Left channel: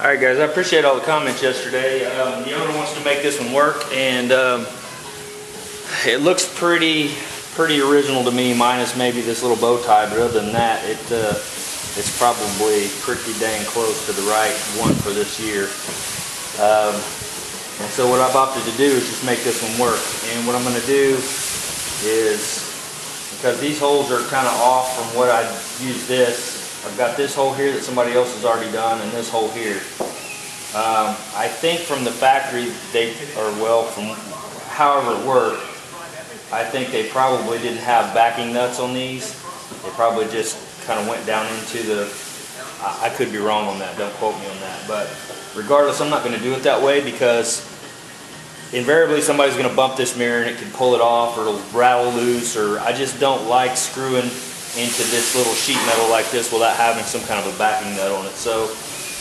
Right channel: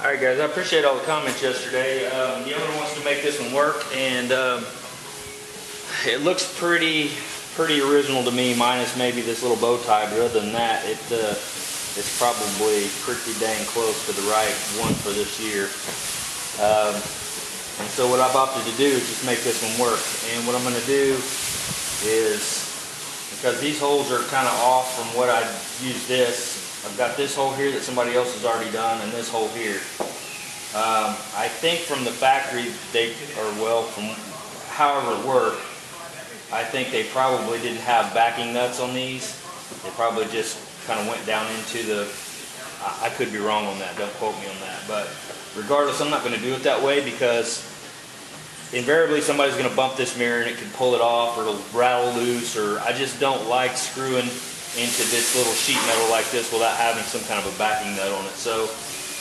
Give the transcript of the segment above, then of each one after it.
Alright guys, I appreciate all the comments yesterday. The owner wants to make this one work, and it looks pretty original to me, minus maybe this little bow tie, but other than that, it's probably pretty dang close to the right one for this year. And so what I've opted to do is just make this one work. And what I'm going to do is, because these holes are kind of off from what I used this, I've got this hole here that somebody else has already done, and this hole here. I think from the factory, from however it worked, I think they probably didn't have backing nuts on these. They probably just kind of went down into the, I could be wrong on that, don't quote me on that. But regardless, I'm not going to do it that way, because invariably somebody's going to bump this mirror and it can pull it off, or it'll rattle loose, or I just don't like screwing into this little sheet metal like this without having some kind of a backing nut on it. So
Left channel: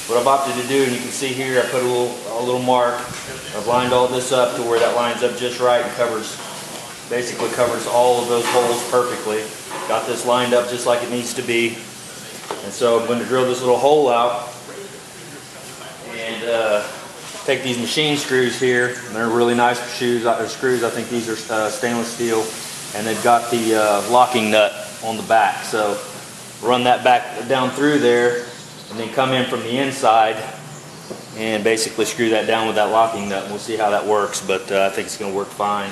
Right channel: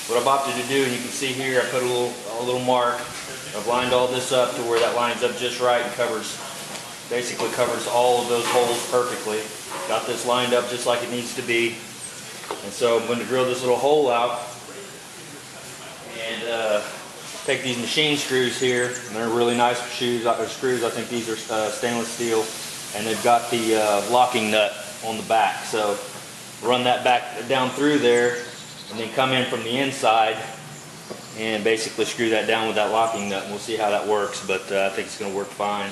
what I've opted to do, and you can see here, I put a little mark. I've lined all this up to where that lines up just right and basically covers all of those holes perfectly. Got this lined up just like it needs to be. And so I'm going to drill this little hole out and take these machine screws here. And they're really nice screws. I think these are stainless steel, and they've got the locking nut on the back. So run that back down through there, and then come in from the inside and basically screw that down with that locking nut. And we'll see how that works, but I think it's going to work fine.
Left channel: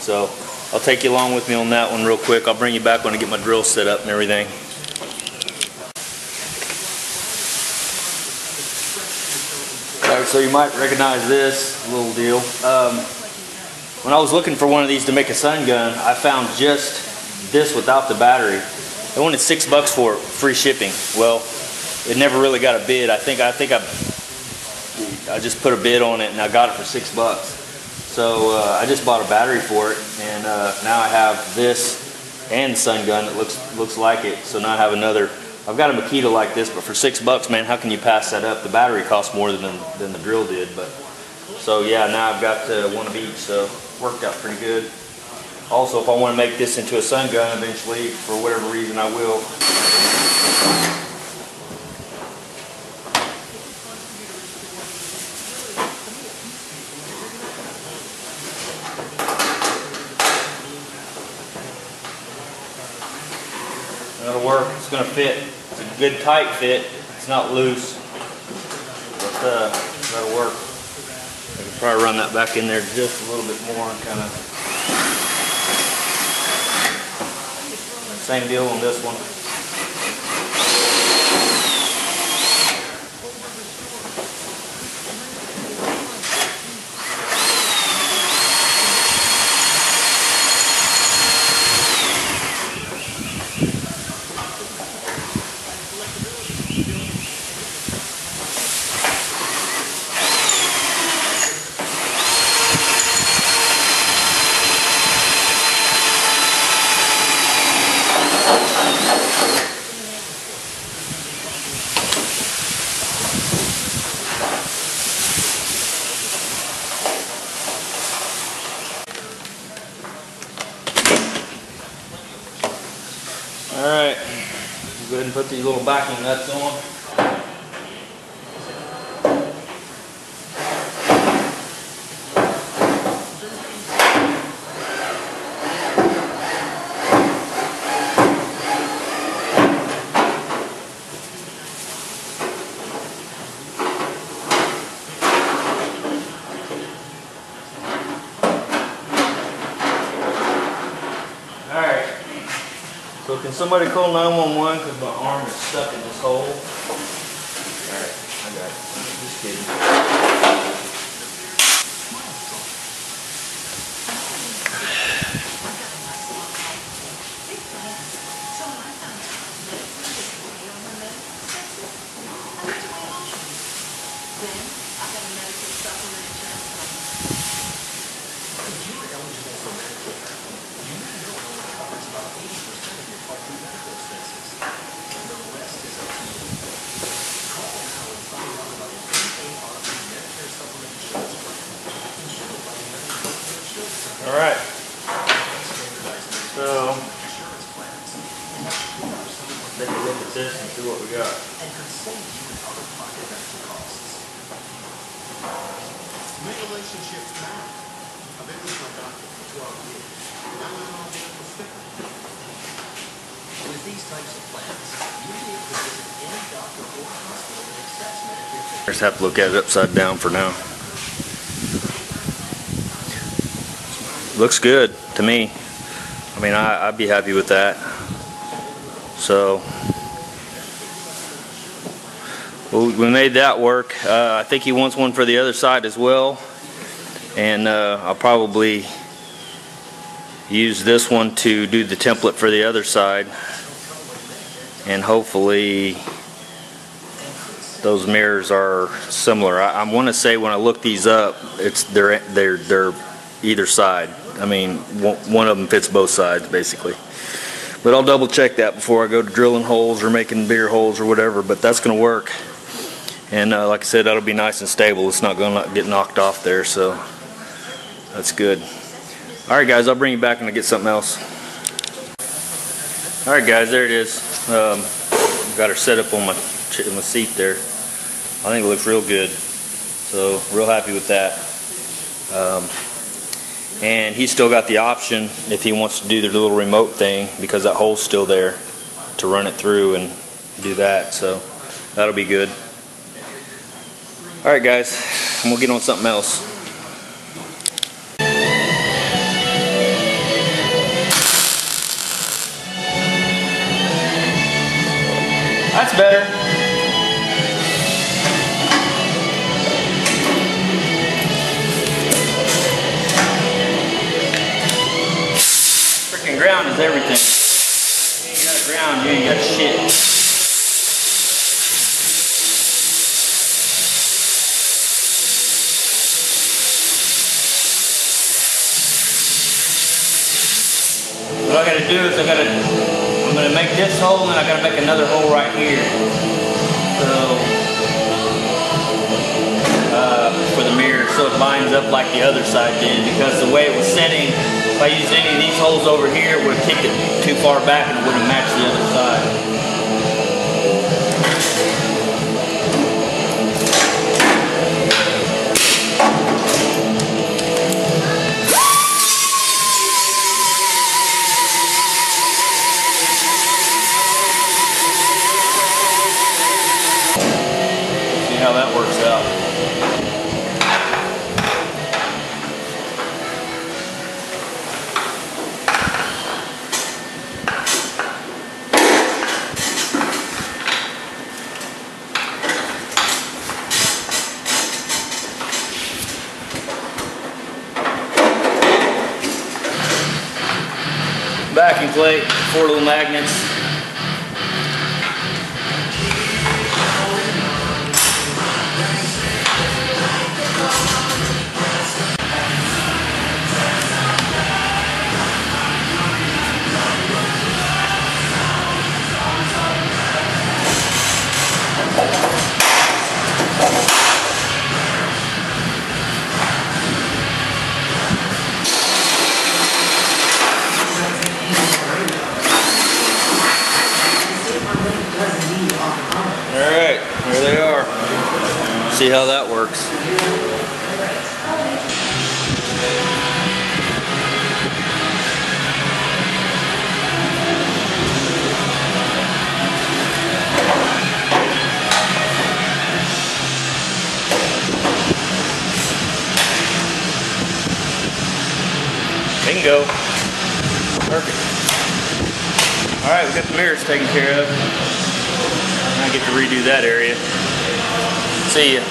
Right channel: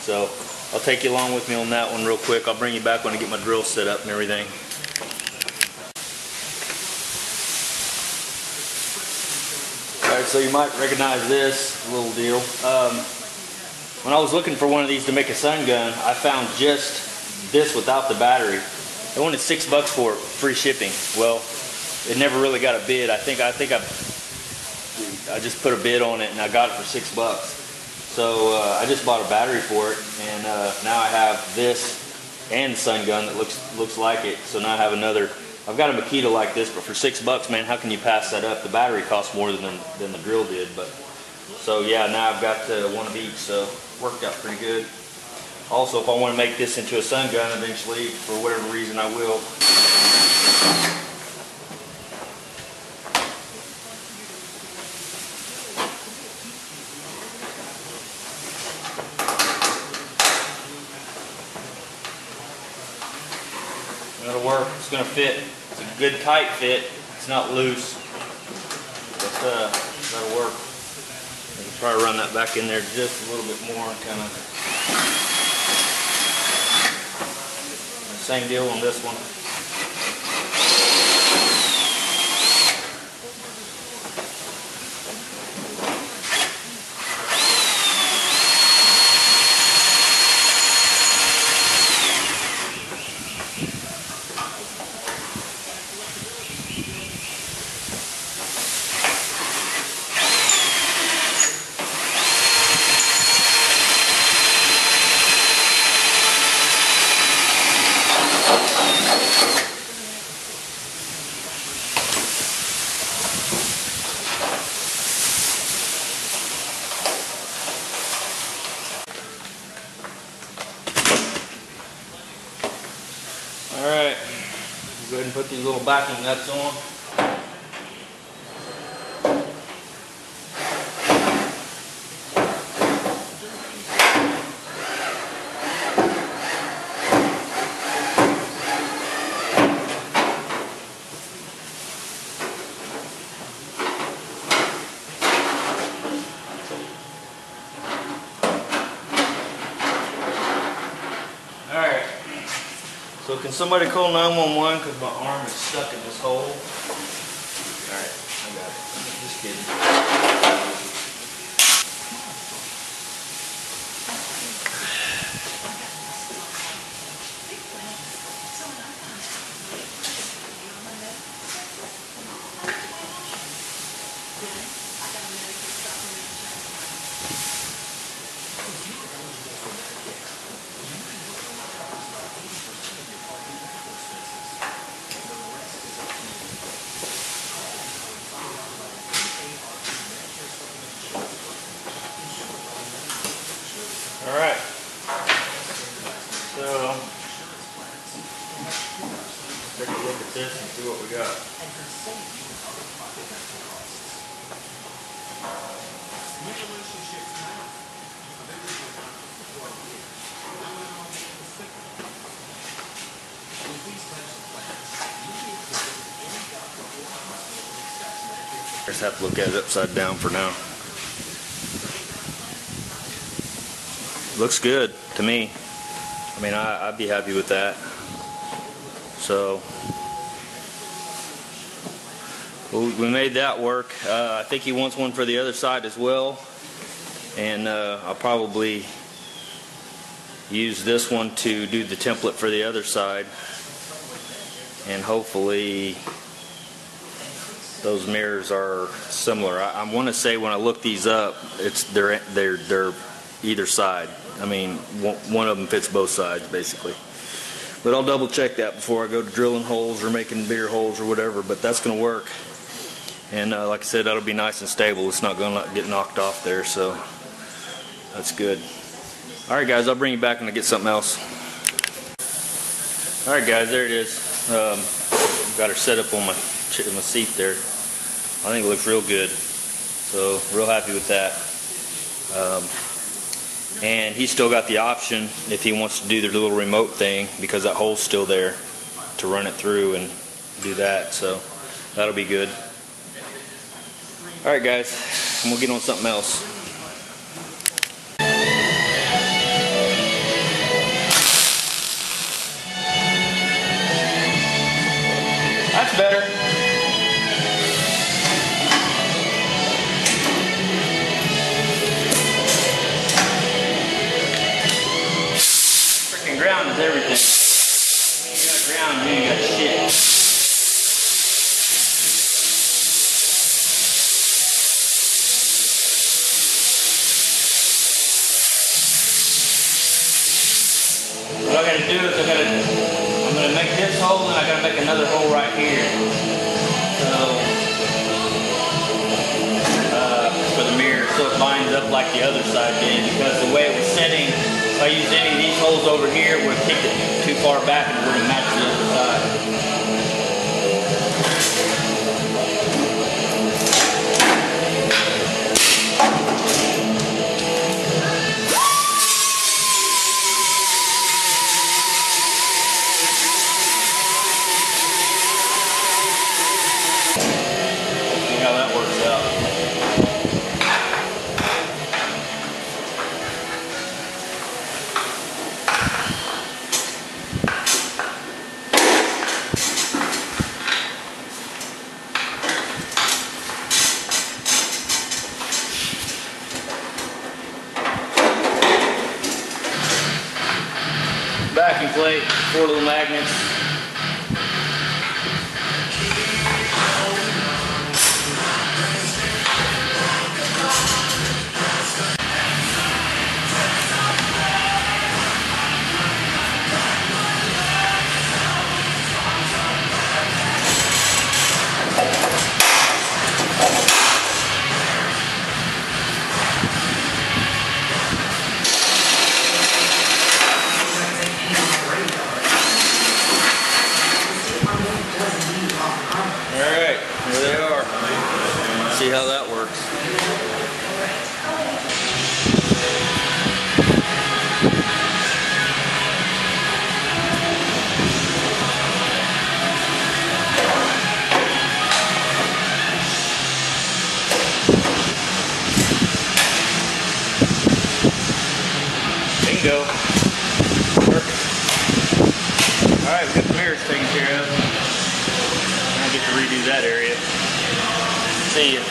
So I'll take you along with me on that one real quick. I'll bring you back when I get my drill set up and everything. Alright, so you might recognize this little deal. When I was looking for one of these to make a sun gun, I found just this without the battery. They wanted $6 for it, free shipping. Well, it never really got a bid. I think I just put a bid on it and I got it for $6. So I just bought a battery for it, and now I have this and sun gun that looks like it. So now I have another. I've got a Makita like this, but for $6, man, how can you pass that up? The battery costs more than the drill did, but so yeah, now I've got one of each. So worked out pretty good. Also, if I want to make this into a sun gun eventually, for whatever reason, I will. That'll work. It's going to fit. It's a good tight fit. It's not loose, but that'll work. I can probably run that back in there just a little bit more, kind of. Same deal on this one. Alright, go ahead and put these little backing nuts on. Alright. So can somebody call 911 because my arm is stuck in this hole? Alright, I got it. Just kidding. Alright, so take a look at this and see what we got. And could save you out-of-pocket medical costs. New relationship now. I've been with my doctor for 12 years. Now I'm on it for 50. With these types of plans, you'll be able to visit any doctor or hospital that accepts Medicare. Just have to look at it upside down for now. Looks good to me. I mean, I'd be happy with that. So, well, we made that work. I think he wants one for the other side as well. And I'll probably use this one to do the template for the other side. And hopefully those mirrors are similar. I want to say when I look these up, they're either side. I mean, one of them fits both sides basically. But I'll double check that before I go to drilling holes or making bigger holes or whatever. But that's going to work. And like I said, that'll be nice and stable. It's not going to get knocked off there, so that's good. All right, guys, I'll bring you back when I get something else. All right, guys, there it is. Got her set up on my seat there. I think it looks real good. So, real happy with that. And he's still got the option if he wants to do the little remote thing, because that hole's still there, to run it through and do that. So that'll be good. Alright guys, and we'll get on something else. That's better. Ground is everything. You ain't got ground, you ain't got shit. What I gotta do is I'm gonna make this hole and I gotta make another hole right here. So for the mirror, so it lines up like the other side did, because the way it was setting, if I used any of these holes over here, it would kick it too far back and it wouldn't match the other side. See how that works out. Backing plate, 4 little magnets. Alright, here they are. See how that works. Bingo. Perfect. Alright, we got the mirrors taken care of. I get to redo that area. See ya.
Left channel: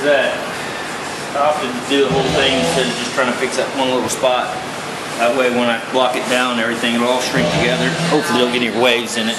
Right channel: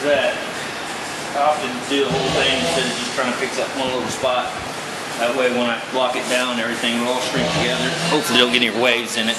there's that. I often do the whole thing instead of just trying to fix that one little spot. That way when I block it down, everything will all shrink together. Hopefully don't get any waves in it.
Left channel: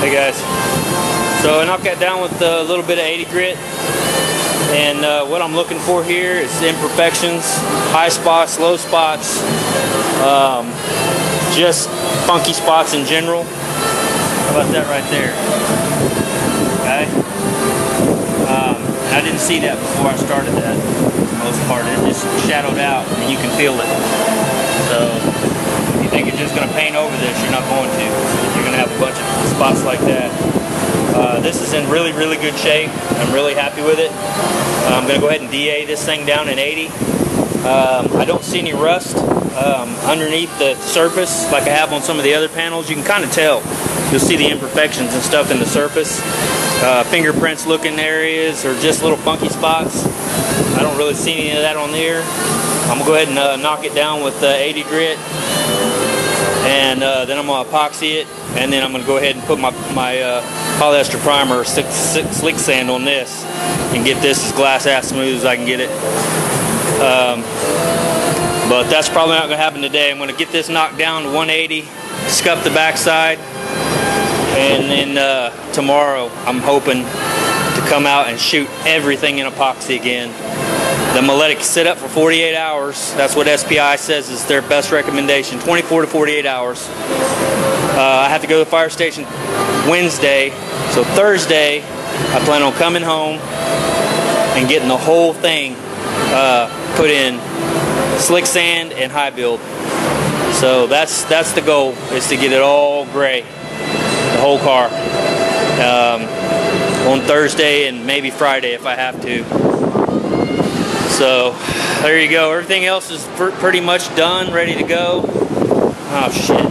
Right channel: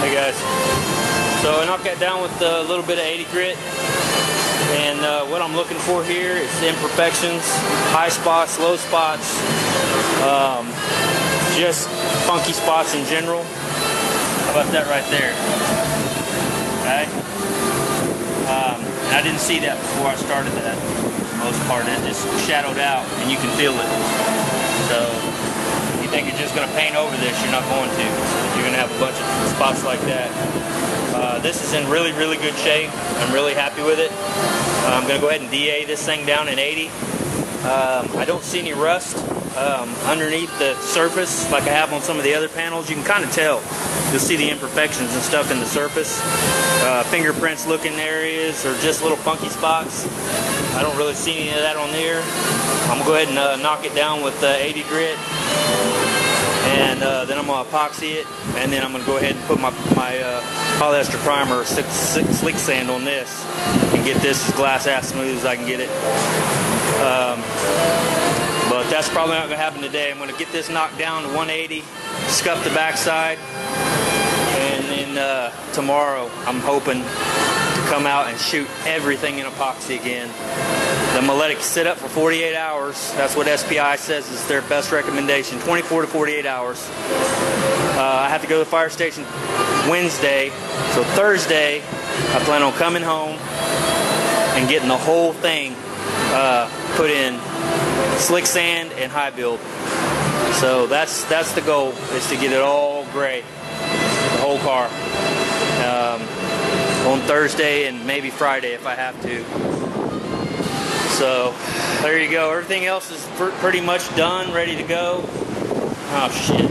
Hey guys, so I knocked that down with a little bit of 80 grit, and what I'm looking for here is imperfections, high spots, low spots, just funky spots in general. How about that right there? Okay, and I didn't see that before I started that. For the most part, it just shadowed out, and you can feel it. So if you think you're just going to paint over this, you're not going to. You're going to have a bunch of spots like that. This is in really, really good shape. I'm really happy with it. I'm going to go ahead and DA this thing down in 80. I don't see any rust underneath the surface like I have on some of the other panels. You can kind of tell. You'll see the imperfections and stuff in the surface. Fingerprints looking areas or just little funky spots. I don't really see any of that on there. I'm going to go ahead and knock it down with 80 grit. And then I'm going to epoxy it, and then I'm going to go ahead and put my polyester primer or slick sand on this and get this as glass ass smooth as I can get it. But that's probably not going to happen today. I'm going to get this knocked down to 180, scuff the backside, and then tomorrow I'm hoping to come out and shoot everything in epoxy again. Then I'm going to let it sit up for 48 hours. That's what SPI says is their best recommendation, 24 to 48 hours. I have to go to the fire station Wednesday, so Thursday I plan on coming home and getting the whole thing put in slick sand and high build. So that's the goal, is to get it all gray, the whole car, on Thursday and maybe Friday if I have to. So there you go. Everything else is pretty much done, ready to go. Oh shit.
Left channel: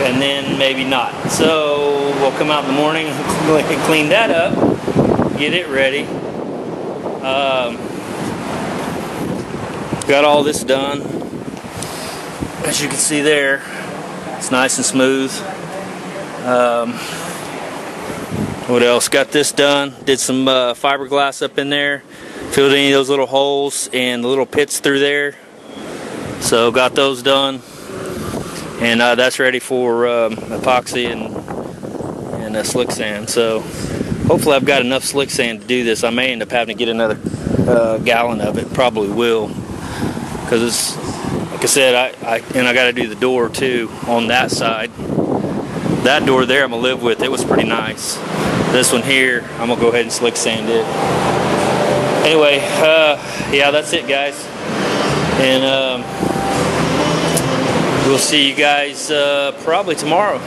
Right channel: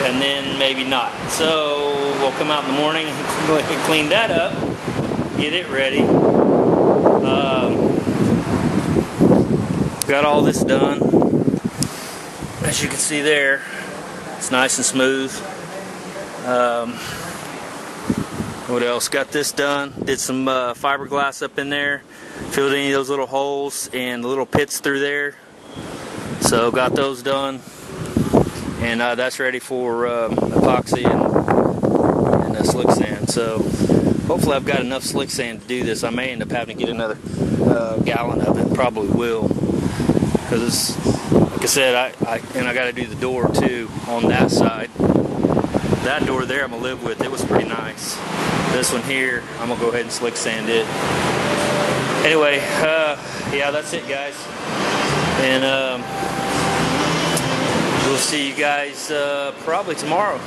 And then maybe not. So we'll come out in the morning and clean that up, get it ready. Got all this done. As you can see there, it's nice and smooth. What else? Got this done. Did some fiberglass up in there. Filled any of those little holes and the little pits through there. So got those done. And that's ready for epoxy and slick sand. So hopefully I've got enough slick sand to do this. I may end up having to get another gallon of it. Probably will. Because it's, like I said, I got to do the door too on that side. That door there I'm going to live with. It was pretty nice. This one here, I'm going to go ahead and slick sand it. Anyway, yeah, that's it, guys. And we'll see you guys probably tomorrow.